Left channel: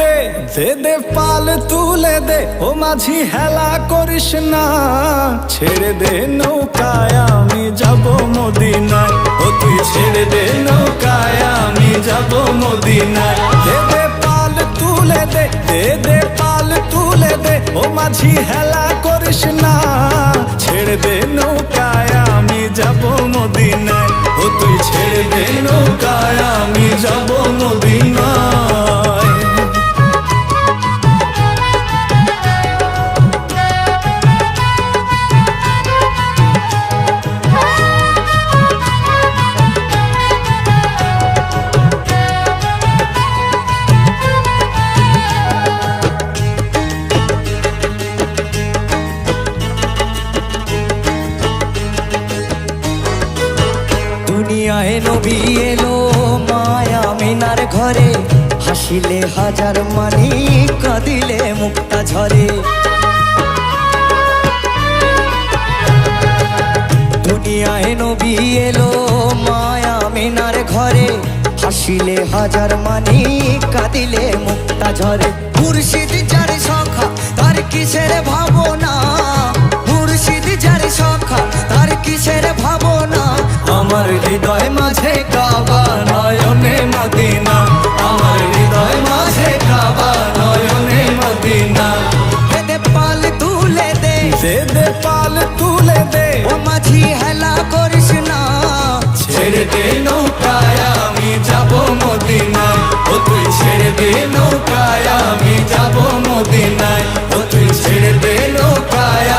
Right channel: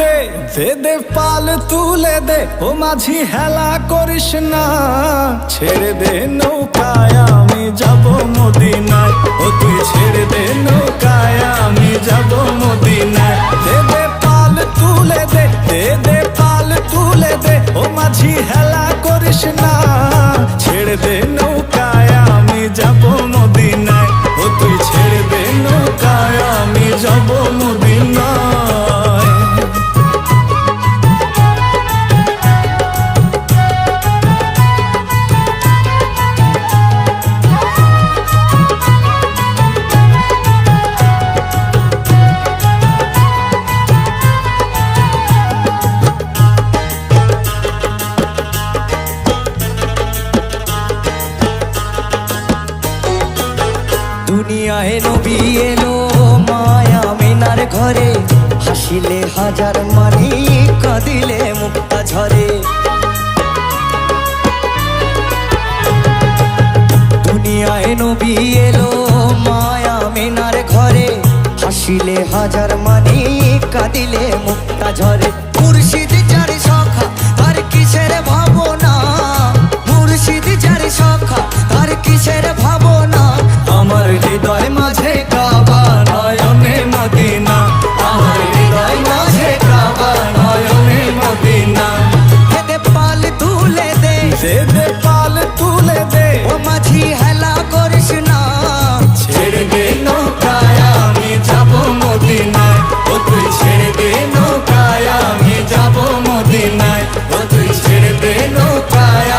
দে দে দে পাল তুলে দে। ও মাঝি হেলা করিস না, ছেড়ে দে নৌকায়, আমি যাব মদিনায়। ও তুই ছেড়ে দে নৌকায়, আমি যাব মদিনায়। দে দে পাল তুলে দে দে দে পাল তুলে দে। ও মাঝি হেলা করিস না, ছেড়ে দে নৌকায়, আমি যাব মদিনায়। ও তুই ছেড়ে দে নৌকায় যাব মদিনায় দুনিয়ায় নবী এলো মায়া মিনার ঘরে। হাসিলে হাজার মানি, কাঁদিলে মুক্তা ঝরে। দুনিয়ায় নবী এলো মায়া মিনার ঘরে। হাসিলে হাজার মানি, কাঁদিলে মুক্তা ঝরে। মুর্শিদ যার সখা, তার কিসের ভাবনা? মুর্শিদ যার সখা, তার কিসের ভাবনা? আমার হৃদয় মাঝে কাবা নয়নে মদিনা। আমার হৃদয় মাঝে কাবা নয়নে মদিনা। এতে পাল তুলে দে। দে দে পাল তুলে দে। ও মাঝি হেলা করিস না। ছেড়ে দে নৌকায় আমি যাব মদিনায়। ও তুই ছেড়ে দে নৌকায় আমি যাব মদিনায়। ও তুই ছেড়ে দে নৌকায়